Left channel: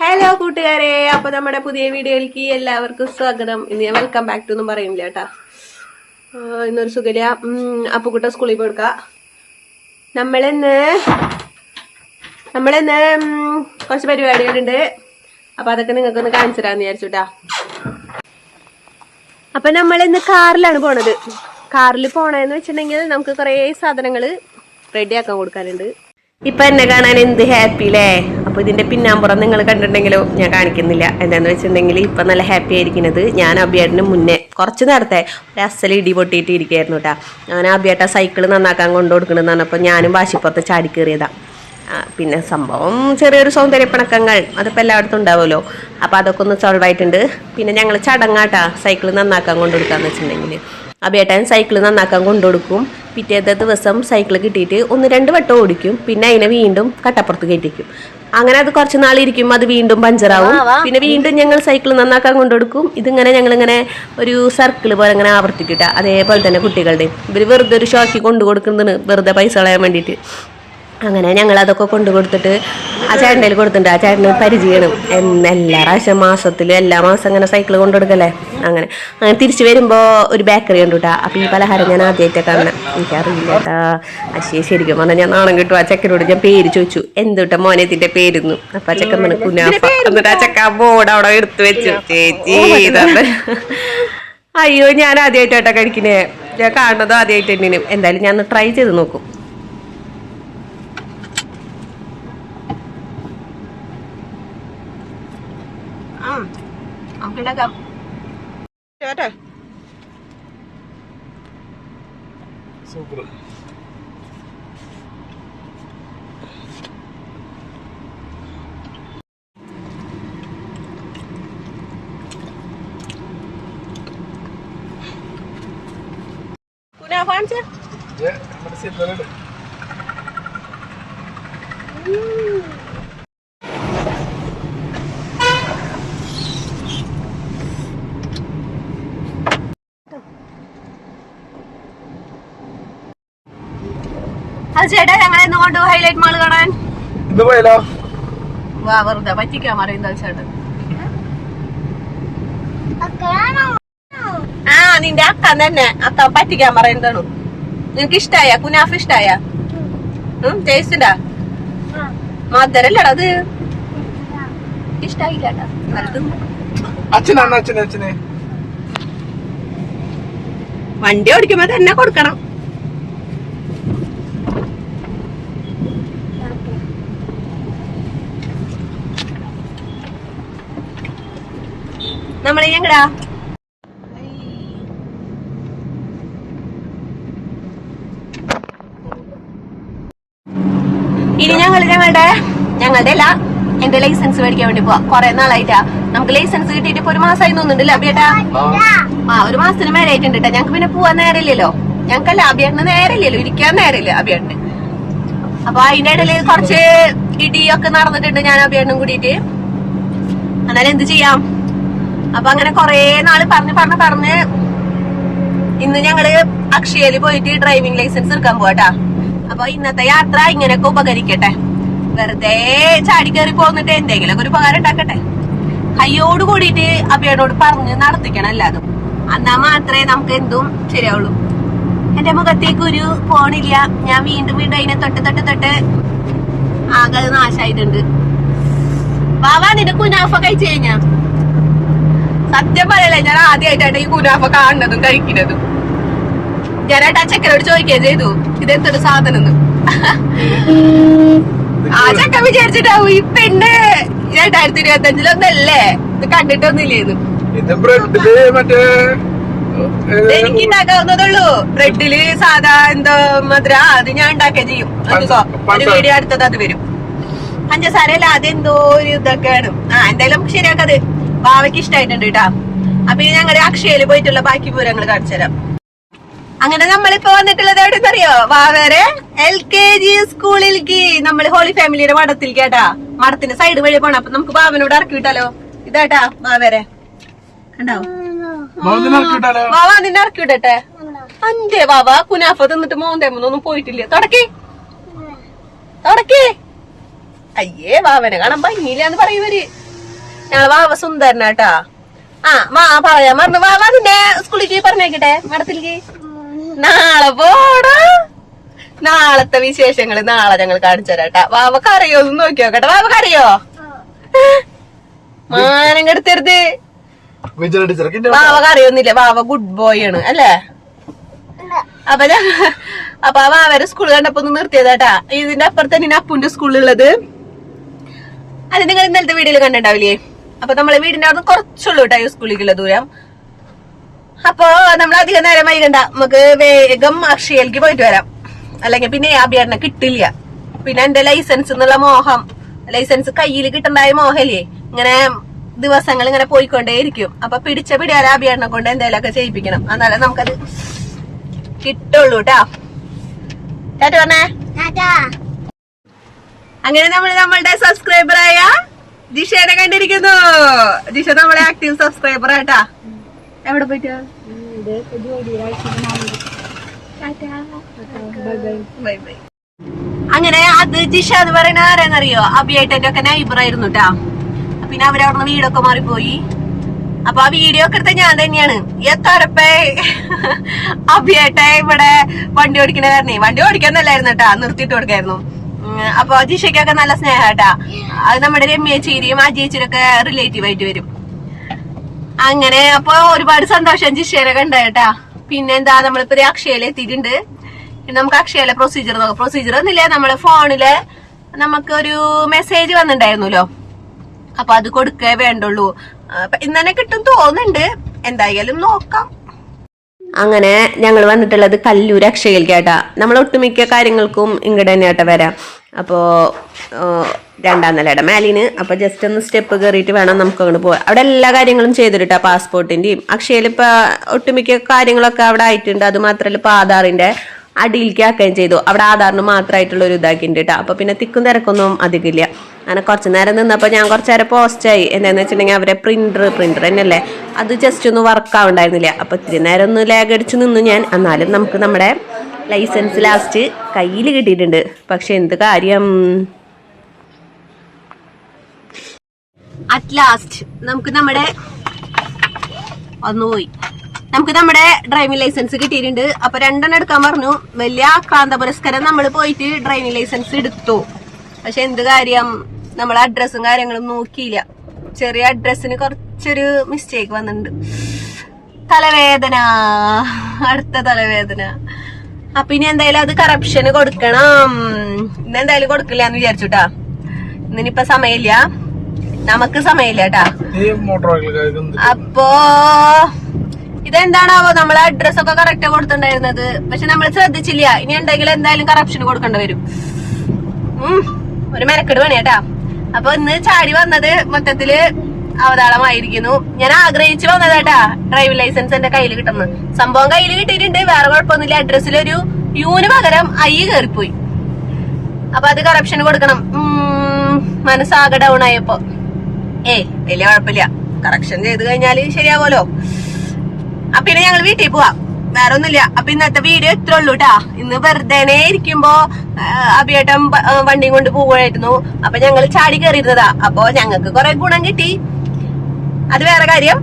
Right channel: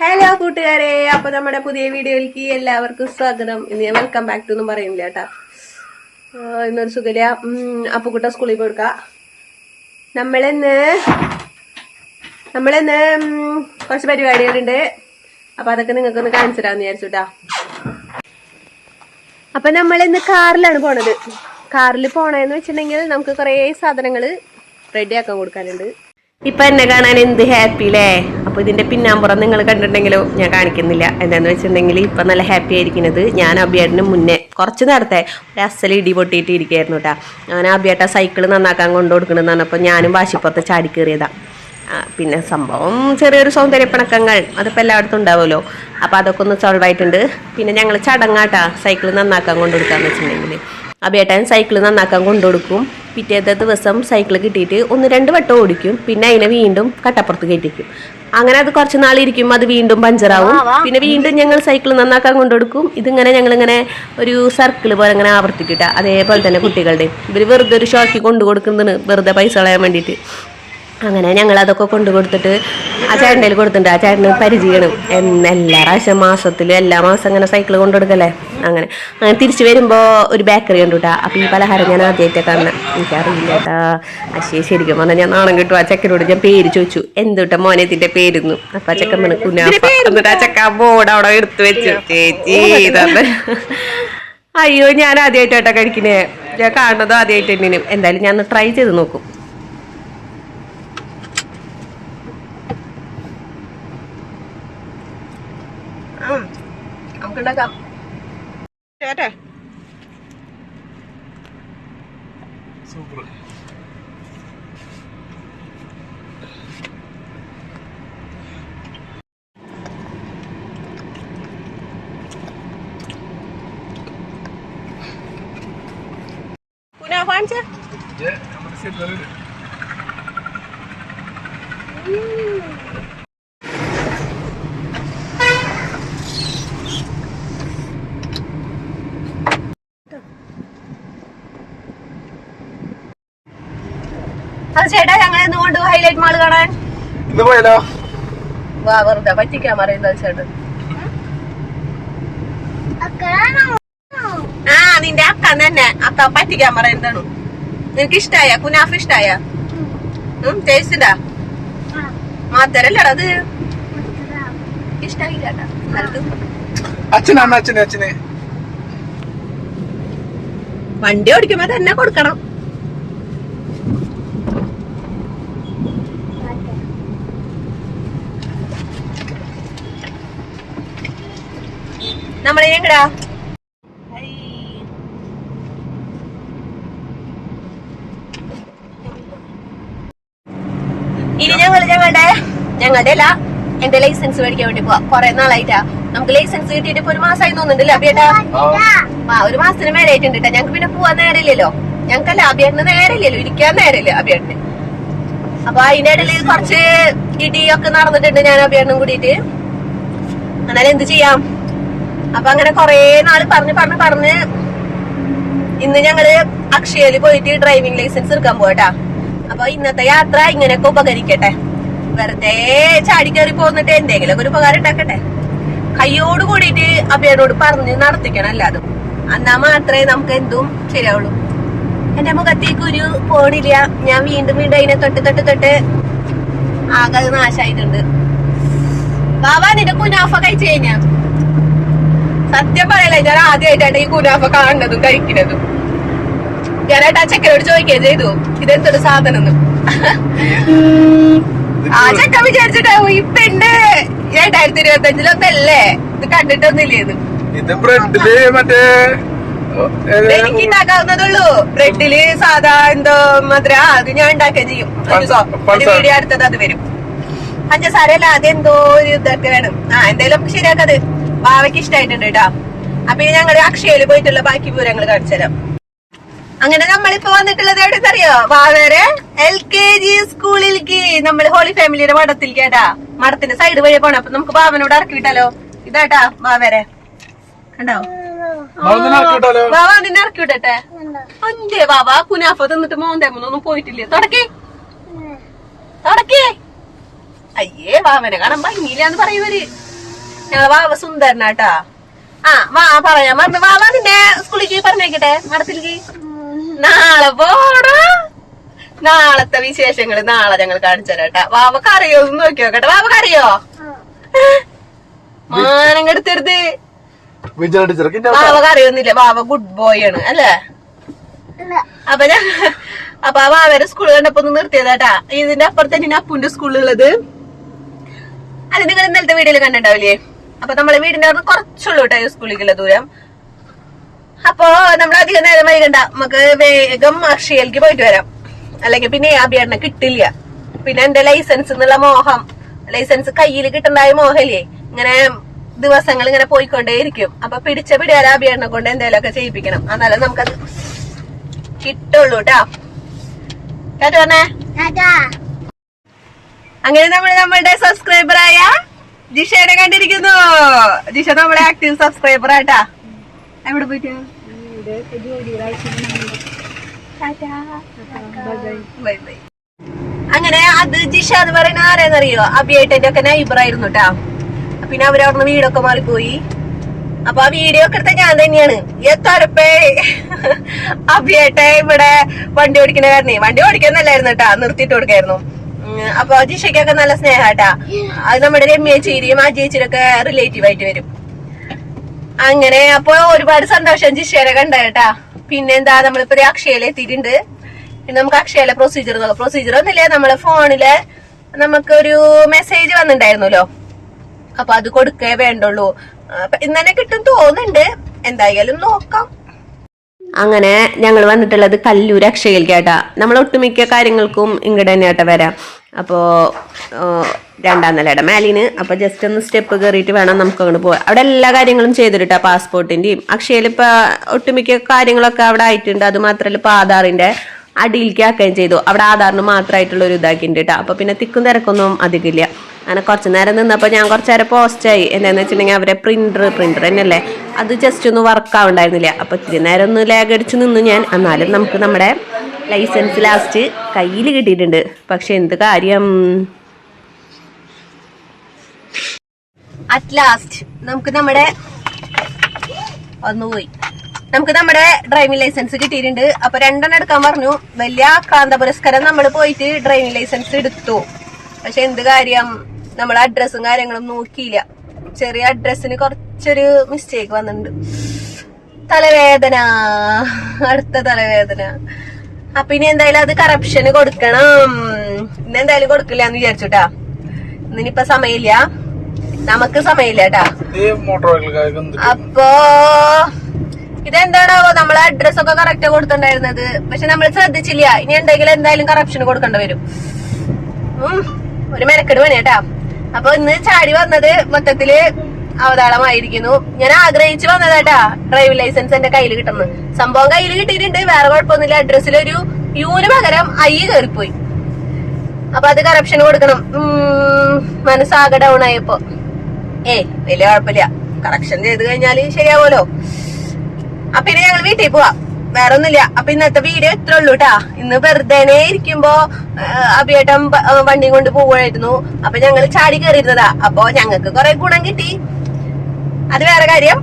Hello കൂട്ടുകാരെ. അപ്പൊ നമ്മുടെ പുതിയ വീഡിയോയിലേക്ക് എല്ലാവർക്കും സ്വാഗതം. ഇന്ന് ഞാൻ വെൽക്കം ബാക്ക് ടു ഒന്നും പറയുന്നില്ല കേട്ടാ. ഇന്നൊരു സുഖല അപ്പുക്കുട്ട സ്കൂളിൽ പോയി കൊടുക്ക. നമ്മളിന്ന് നമ്മളിന്ന് കുറച്ച് പരിപാടികളുണ്ട്. അപ്പൊ അതൊക്കെ നിങ്ങൾക്കൊന്ന് കാണിച്ചു തരാന്ന് വിചാരിച്ചുട്ടാ അപ്പൊ നമ്മളിന്ന് കാറിലാണ് പോണത്. കാറിൽ പോണെന്ന് വെച്ചിട്ടുണ്ടെങ്കിൽ നമുക്ക് കുറേ സാധനങ്ങൾ റെഡിയാക്കാൻ കൊടുക്കാനുണ്ട്. ഇപ്പൊ എന്നെ കാണാൻ എന്ത് ഹാപ്പി അല്ലേ അപ്പൊ ഇതിന്റെ പിന്നാമ്പുറം നിങ്ങൾ കണ്ടിട്ടുണ്ടെങ്കിലോ ഞാൻ കാണിക്കുന്നില്ല. എന്താന്ന് വെച്ചിട്ടുണ്ടെങ്കിൽ ഇപ്പൊ നല്ല ഹാപ്പി ആയിരിക്കുന്നത് ഞാൻ അബിയേട്ടന് മുന്നേ കുറച്ച് നേരത്തെ ഒരു അസൽ ഇടി പൊട്ടിയിട്ട് ഇരിക്കുകയായിരുന്നു കേട്ടാ ഞാൻ അബിയേട്ട സൈക്കിൾ നന്നാക്കാൻ കൊണ്ടു കൊടുക്കണമെന്ന് പറഞ്ഞപ്പോൾ ഞാനും വാശിപ്പുറത്ത് ചാടി കയറിയതാ. പിന്നെ സംഭവം ചെറിയൊരു സൗന്ദര്യപ്പിണക്കങ്ങൾ അതിപ്പോൾ എല്ലായിടത്തും ഉണ്ടാവുമല്ലോ. അപ്പോൾ അതൊക്കെ ഒന്ന് സോൾവ് ആയിട്ടുണ്ട്. പിന്നെ ഞങ്ങൾ ചടങ്ങാട്ടാ. സൈക്കിൾ നന്നാക്കാൻ കൊണ്ടുകൊടുക്കാന്ന് വെച്ചിട്ടുണ്ടെങ്കിൽ അബേട്ടൻ സൈക്കിൾ നന്നാക്കാൻ കൊണ്ടുകൊടുക്കും. പിറ്റേത്തെ ദിവസം സൈക്കിൾ കിട്ടിയിട്ട് ഒന്ന് രണ്ട് വട്ടം ഓടിക്കും. പിന്നെ അതിനെ വീണ്ടും കട്ടപ്പുറത്ത് കയറ്റിക്കും. അങ്ങനെ അത് കുറച്ച് നാളിരിക്കും അത് വീണ്ടും പഞ്ചറാവും പിന്നെ വീണ്ടും ഞങ്ങൾ സൈക്കിൾ നന്നാക്കാൻ കൊണ്ടുകൊടുക്കും. ഇതിങ്ങനെ ഞങ്ങളിങ്ങനെ ഒരു സർക്കിൾ പോലെ ഇങ്ങനെ ആവർത്തിക്കിട്ട അതേപോലെ തന്നെ കുട്ടികളുടെ ഇവർ വെറുതെ ഒരു ഷോക്കി കൊണ്ടു കൊടുക്കുന്നതാണ് വെറുതെ പൈസ കളയാൻ വേണ്ടിയിട്ട്. അങ്ങനെ ഞങ്ങൾ അതൊക്കെ കൊണ്ടു കൊടുത്തിട്ട് ആ ചേട്ടന്റെ കൊടുത്തിട്ടുണ്ട്. ആ ചേട്ടന് പരിചയണം എന്ന് എല്ലാ പ്രാവശ്യം മാസത്തിലും എല്ലാ മാസം അങ്ങനെ സൈക്കിൾ കൊണ്ടു കൊടുക്കല്ലേ അങ്ങനെ. അങ്ങനെ തിരിച്ചു വരുമ്പോൾ ഒരു ബേക്കറി ഉണ്ട് കേട്ടോ അപ്പോൾ ഈ പലഹാരം ഞാൻ ആദ്യമായിട്ട് കാണുന്നത് എനിക്കറിയില്ല കേട്ടാ അശേ ശരിക്കും പറഞ്ഞാൽ ഞാൻ നാണം കിട്ടും. ആ ചെക്കനോട് ഞാൻ പേര് ചോദിച്ചു. എന്തുട്ടാ മോനത്തിന്റെ പേരുന്നു? അപ്പം ആ ചെക്കൻ പറഞ്ഞു കുനാഫ എന്നിട്ട് ആ ചെക്ക ബോർഡ് അവിടെ എടുത്തു വെച്ചു. ചേച്ചി ഇതാണ് അയ്യോ ഞാൻ ആദ്യമായിട്ടാ കഴിക്കണേ. ഞാൻ കാണുന്നതും ആദ്യമായിട്ട് തന്നെയും എന്തായാലും ഞാൻ ട്രൈ ചെയ്ത് നോക്കും. നമുക്കുണ്ടാക്കാം ചേട്ടെ സൂപ്പർ കുനാഫ കാണിച്ചേ നമ്മുടെ സിനിമയിലുണ്ട് അത് ചേട്ടാ ഞങ്ങൾ എന്ന് കൊണ്ട് ഹൈലൈറ്റ് മാൾ കാണാൻ. ഇന്ന് പോയാലോ? വാ വെറുതെ പറ്റിക്കാൻ അറിയുന്ന ചേട്ടൻ. ആ നിന്റെ അക്ക തന്നെ. അക്ക പറ്റിക്കാൻ പറയുന്നതാണ്. നിനക്ക് ഇഷ്ടായ? കുനാഫ് ഇഷ്ടായ? ടേസ്റ്റിണ്ടാ മധുരല്ലടാ അത്. ഇഷ്ടായില്ല കേട്ടാ. നല്ലത്. അച്ഛനാണ് അച്ഛനെ അച്ഛനെ. വണ്ടി ഓടിക്കുമ്പോ തന്നെ കൊടുക്കണം. നമ്മളെ എങ്ങടാ? ഇനി ഞങ്ങൾ ഞങ്ങളുടെ ഞങ്ങളുടെ അല്ല എന്റെ ലൈസൻസ് മേടിക്കാൻ വേണ്ടി പോവാ. കൊറേ നാളായിട്ടാ. നമുക്ക് ലൈസൻസ് കിട്ടിയിട്ട് ഇപ്പൊ ഒരു മാസമായി തോന്നുന്നുണ്ടല്ലോ അബിയേട്ടാ ആ. ഒരു മാസത്തിന് മേലെ ആയിട്ടുണ്ട് ട്ടാ. ഞങ്ങക്ക് പിന്നെ പോവാൻ നേരമില്ലല്ലോ. ഞങ്ങൾക്കല്ല അബിയേട്ടന് നേരമില്ലല്ലോ. ഇരിക്കാൻ നേരമില്ല അബിയേട്ടന് അപ്പൊ അതിന്റെ ഇടയിൽ കുറച്ച് ഇടിയൊക്കെ നടന്നിട്ടുണ്ട് ഞാൻ അബിയേട്ടനും കൂടിയിട്ട്. എന്നാലും എന്ത് ചെയ്യാം? അപ്പൊ അങ്ങനെ കൊറേ നാൾ പറഞ്ഞ് പറഞ്ഞ് പറഞ്ഞ് ഇന്ന് ഞങ്ങൾ അക്ഷയയിൽ പോയിട്ട് ഡ്രൈവിംഗ് ലൈസൻസ് എടുക്കാൻ പോവാട്ടാ അപ്പൊ ഇന്നത്തെ യാത്ര ഇങ്ങനെയൊക്കെ ഉപകരിക്കട്ടെ. വെറുതെ ചാടി കയറി പോന്നിട്ട് എന്തെങ്കിലും ഒരു ഉപകാരം ഉണ്ടാക്കട്ടെ. കയ്യോട് കൂടിയിട്ട് അബിയോട് പറഞ്ഞ് നടത്തിക്കണം അല്ലാതും. എന്നാ മാത്രമേ നമുക്ക് എന്തും ശരിയാവുള്ളൂ. എന്റെ മുഖത്തേക്ക് ഒരു പോണില്ല ഞാൻ വീണ്ടും വീണ്ടും അതിനെ തൊട്ട് തൊട്ട് തൊട്ട് ആകെ നാശായിട്ടുണ്ട്. വാവാ നിന്റെ കുനാഫ കഴിച്ചു കഴിഞ്ഞാ. സത്യം പറയല്ലേ ഞാൻ ആദ്യമായിട്ടാണ് ഈ കുനാഫ കാണുന്നതും കഴിക്കുന്നതും. ഞാനായിട്ട് ആ ചെക്കനോട് ചോദിക്കുകയും ചെയ്തു ഇതെന്തൊരു സാധനം ആ ചക്ക വിചാരിച്ചിട്ടാവും ഈ പെണ്ണ് രണ്ടായിരത്തി ഇരുപത്തി അഞ്ചിലൊന്നല്ലേ ഇത് കണ്ടിട്ടൊന്നുമില്ലേന്ന്. ഇത് ബ്രെഡിൽ മറ്റേ എനിക്ക് ഉണ്ടാക്കാവുന്നതുള്ളൂ ബ്രെഡിൽ സാധാ എന്തോ മധുര അത് ഞാൻ ഉണ്ടാക്കുകയും ചെയ്യും. ഒരു വീഡിയോ അടുത്തത് അത് വരും. പഞ്ചസാര അല്ല അതെന്തോ ഒരു ഇതൊക്കെ വേണം ആ എന്തായാലും ശരിയാക്കത് ബാവയ്ക്ക് ഇഷ്ടമായിട്ടുണ്ട് കേട്ടാ. അപ്പൊ ഇനി ഞങ്ങളുടെ അക്ഷയയിൽ പോയിട്ടുള്ള ബാക്കി പൂരങ്ങൾ കാണിച്ചു തരാം. അങ്ങനെ നമ്മളിപ്പോ വന്നിട്ടുള്ളത് എവിടെ അറിയോ വാവേരെ എൽ കെ ജി സ്കൂളിലേക്ക് നമ്മൾ ഹോളി ഫാമിലിയുടെ മഠത്തിൽ കേട്ടാ. മഠത്തിന്റെ സൈഡ് വഴി പോണം. അപ്പൊ നമുക്ക് ബാവനോട് ഇറക്കി വിട്ടാലോ? ഇതാട്ടാ വാവേരെ കണ്ടോ? ബാബ നിന്നെ ഇറക്കി വിടട്ടെ. അന്റെ വാവ കുനാഫ തിന്നിട്ട് മോന്തേമൊന്നും പോയിട്ടില്ലേ? തുടക്കേ. തുടക്കേ. അയ്യേ വാവനെ കാണാൻ ഭംഗിയില്ല എന്ന് പറയൂര് ഞങ്ങളെ വാവ സുന്ദരനാട്ടാ ആ വാ പറയാം. മറന്നു വാ നിന്നെ സ്കൂളിലേക്ക് പറഞ്ഞേക്കട്ടെ മടത്തിലേക്ക് നാളെ പോടാ. നാളത്തെ വിശേഷങ്ങൾ നാളെ ഞങ്ങൾ കാണിച്ചു തരാട്ടാ വാവക്ക് അറിയോ ഒന്ന് നോക്കി നോക്കട്ടെ. വാവക്ക് അറിയോ മാനം കെടുത്തരുത് വാവക്ക് അറിയൊന്നുമില്ല വാവ ഗുഡ് ബോയ് ആണ് അല്ലേ? അപ്പൊ ഞാൻ അപ്പൊ ആ വാവരെ സ്കൂൾ കണ്ടപ്പോ ഒന്ന് നിർത്തിയതാട്ടാ ഇതിന്റെ അപ്പുറത്ത് തന്നെ അപ്പുന്റെ സ്കൂളുള്ളത് അത് നിങ്ങൾ ഇന്നലത്തെ വീഡിയോയിൽ കണ്ടിട്ടുണ്ടാവില്ലേ? അപ്പൊ നമ്മളെ വീടിന്റെ അവിടെ കുറച്ചുള്ളൂ കേട്ടോ ഈ സ്കൂളിലേക്കുള്ള ദൂരം. അപ്പൊ നമ്മൾ അധികം നേരം വൈകണ്ട. നമുക്ക് വേഗം അക്ഷയയിലേക്ക് പോയിട്ട് വരാം. അല്ലെങ്കിൽ പിന്നെ അഭിയാണ കിട്ടില്ല. പിന്നെ എന്റെ ലൈസൻസ് എന്നുള്ള മോഹം. ലൈസൻസ് കയ്യിൽ കിട്ടണ്ടായ മോഹല്ലേ? ഇങ്ങനെ ദിവസങ്ങൾ ഇങ്ങനെ പോയിക്കൊണ്ടേയിരിക്കും. അപ്പൊ പിടിച്ച പിടിയാര അഭിയാടിനെ കൊണ്ട് എന്തെങ്കിലുമൊക്കെ ചെയ്യിപ്പിക്കണം. എന്നാലേ നമുക്കത് കിട്ടുള്ളൂ കേട്ടാ. കേട്ടോ പറഞ്ഞേ അങ്ങനെ നമ്മൾ നമ്മളുടെ സബ്സ്ക്രൈബർ ആയ ജിഷേനെ കണ്ടിരിക്കുന്നു. ജിഷ നമ്മളെ ആക്ടീവ് സബ്സ്ക്രൈബർ ആട്ടാ. എവിടെ പോയിട്ട്? Bye bye. അങ്ങനെ അത് ജിഷ എന്ന് പറയുന്ന ആരാന്നറിയോ? അബിയേട്ടന്റെ ഒക്കെ നൈബർ ആയിരുന്നു കേട്ടാ പിന്നെ അവരവിടുന്ന് വീടൊക്കെ മാറിപ്പോയി. അപ്പൊ ആ വീഡിയോ ഒക്കെ എടുത്ത ഞാൻ തന്നെയാണ്. എത്തരപ്പേ? അഭിയേട്ട ഇവിടെ വണ്ടി ഓടിക്കണ കാരണേ. വണ്ടി ഓടിക്കാന്നല്ലായിരുന്നു കേട്ടാ നിർത്തിയിട്ട് കൊടുക്കായിരുന്നു. അപ്പൊ ജിഷയ്ക്കൊക്കെ നല്ല സ്നേഹാട്ടാ. അത് നമ്മുടെ രമ്യ ചേരിയും ആ ചേച്ചിയൊക്കെ റിലേറ്റീവ് ആയിട്ട് വരും. അങ്ങനെ അപ്പൊ ഒരുപാട് സന്തോഷം ജിഷേനെ കണ്ടേട്ടാ പിന്നെന്താ നമ്മളിപ്പോ അക്ഷയയിൽ എത്തിയിട്ടുണ്ട്. നമുക്ക് അക്ഷയയിലെ പ്രൊസീജിയർ നോക്കാം. പ്രൊസീജിയർ ഒന്നുമില്ല നമ്മളെ ഫോണിൽ നമുക്കൊരു മെസ്സേജ് വന്നിട്ടുണ്ടായിരുന്നല്ലോ. അപ്പൊ അത് കൊടുക്കേ വേണ്ടുള്ളൂ. ഇന്ന് കിട്ടും തോന്നുന്നുണ്ട്. എന്തായാലും നോക്കാം. അങ്ങനെ ഞങ്ങൾ വന്നിട്ടുള്ളത് കല്ലൂർ അക്ഷയയിലേക്കാട്ടാ. നമ്മൾ ഒട്ടുമിക്ക കാര്യങ്ങൾക്കും ഇങ്ങോട്ട് തന്നെയാട്ടാ വരാം. അപ്പോൾ രണ്ടാം നിലയുടെ മേലിന്. അപ്പോൾ ജസ്റ്റ് ഒന്ന് സ്റ്റെപ്പ് കയറിയിട്ട് വേണം നമുക്ക് അങ്ങോട്ട് പോകാൻ അവിടെ എല്ലാ കാര്യങ്ങളും ചെയ്തിട്ടാ പാസ്പോർട്ടിന്റെയും അക്ഷയയിൽ ഇപ്പോൾ ഒട്ടുമിക്ക കാര്യങ്ങളൊക്കെ അവിടെ ആയിട്ടുണ്ട്. അത് മാത്രമല്ല ഇപ്പോൾ ആധാറിന്റെ അടിയിലേക്ക് ആക്കുകയും ചെയ്തു. അവിടെ ആധാറിന് മാത്രമായിട്ടുള്ള ഒരു ഇതാക്കിയിട്ടുണ്ട് കേട്ടോ അപ്പോൾ പിന്നെ തിക്കും തിരക്കൊന്നും അധികമില്ല. അങ്ങനെ കുറച്ച് നേരം നിന്നപ്പോൾ ഞാൻ കുറച്ച് നേരം പോസ്റ്റായി എന്താണെന്ന് വെച്ചിട്ടുണ്ടെങ്കിൽ അവരെ പ്രിന്റർ പ്രിന്റർ തന്നെയല്ലേ? അത് ജസ്റ്റ് ഒന്ന് വർക്ക് ആവുണ്ടായിരുന്നില്ല. അപ്പോൾ ഇത്തിരി നേരം ഒന്ന് ലാഗ് അടിച്ച് നിന്നു ഞാൻ. എന്നാലും നമുക്ക് നമ്മുടെ ലൈസൻസ് ലാസ്റ്റ് കയ്യിൽ കിട്ടിയിട്ടുണ്ട്. പക്ഷെ എന്ത് കാര്യം? അറ്റ് ലാസ്റ്റ് നമുക്ക് നമ്മുടെ ഒന്ന് പോയി. നമുക്ക് നമ്മുടെ ഡ്രൈവിംഗ് ലൈസൻസ് കിട്ടിയിട്ടുണ്ട്. അപ്പൊ രണ്ടെണ്ണം എടുക്കാൻ പറഞ്ഞു. വലിയ ആക്രാന്ത പുരസ്കാരം നമ്മൾ പോയിട്ട് ഡ്രൈവിംഗ് ലൈസൻസ് എടുത്തു. പക്ഷെ എന്ത് കാര്യം? നമ്മൾ അഡ്രസ്സും കാര്യങ്ങളും നോക്കിയില്ല. ചെറിയ അഡ്രസ്സിന് കുറച്ചൊരു മിസ്റ്റേക്ക് വന്നിട്ടുണ്ട്. തലവേദന. അടുത്ത തലവേദന. അപ്പൊ ഇനി എന്തായാലും അത് കറപ്ഷന് കൊടുക്കണം. ഇന്ന് എന്തായാലും കൊടുക്കില്ല എന്ന് വിചാരിച്ചുട്ടാ ഇന്നിനിപ്പൊ സമയമില്ല. നമുക്ക് സമയമില്ല കേട്ടാ അപ്പോ ഇതെന്താണാവോ നമ്മളെ അഡ്രസ് ഒക്കെ കറക്റ്റ് കൊടുത്തിട്ടുണ്ടായിരുന്നത്. പക്ഷെ നമ്മൾ ശ്രദ്ധിച്ചില്ല. ഇനി എന്തെങ്കിലും എന്തായാലും കറപ്ഷൻ കൊടുക്കേണ്ടി വരും. ഒരു മെനക്കെട് പണി കേട്ടാ അപ്പൊ ഇന്ന് ചാടി വന്നത് മൊത്തത്തിൽ അവതാളമായിരിക്കുന്നു. ഞാൻ ആഗ്രഹിച്ചു വന്നതാട്ടാ ഡ്രൈവിംഗ് ലൈസൻസ് എന്റെ കയ്യിൽ കിട്ടുന്നത്. സംഭവം കയ്യിൽ കിട്ടിയിട്ടുണ്ട്. വേറെ കുഴപ്പമൊന്നുമില്ല. അഡ്രസ്സിൽ ഒരു യൂന് പകരം ഐ കയറിപ്പോയി അപ്പൊ അത് കറപ്ഷൻ കൊടുക്കണം. മനസ്സാകെ ഡൗൺ ആയപ്പോ. ഏയ് വലിയ കുഴപ്പമില്ല. കറക്ഷൻ ചെയ്ത് കഴിഞ്ഞാൽ ശരിയാവുമല്ലോ. അപ്പൊ ഇനി ഞങ്ങൾ വീട്ടിൽ പോവാം. വേറെ ഒന്നുമില്ല അപ്പൊ ഇന്നത്തെ വീഡിയോ ഇത്ര ഉള്ളൂ കേട്ടാ ഇന്ന് വെറുതെ ഇരിക്കുമ്പോ അഭിയേട്ടം വണ്ടിയും കൊണ്ട് പോവുകയായിരുന്നു. അപ്പൊ ഞങ്ങൾ ചാടി കയറിയിരുന്നതാ. അപ്പൊ ഞങ്ങൾക്ക് കുറെ ഗുണം കിട്ടി. അത് വേറെ കാര്യം.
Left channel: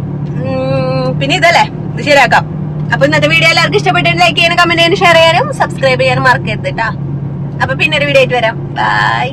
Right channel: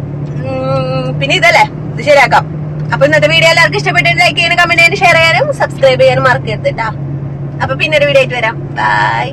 പിന്നെ ഇതല്ലേ. ഇത് ശരിയാക്കാം. അപ്പൊ ഇന്നത്തെ വീഡിയോ എല്ലാവർക്കും ഇഷ്ടപ്പെട്ടു ലൈക്ക് ചെയ്യാനും കമന്റ് ചെയ്യാനും ഷെയർ ചെയ്യാനും സബ്സ്ക്രൈബ് ചെയ്യാനും മറക്കരുത് കേട്ടാ അപ്പൊ പിന്നെ ഒരു വീഡിയോ ആയിട്ട് വരാം. ബൈ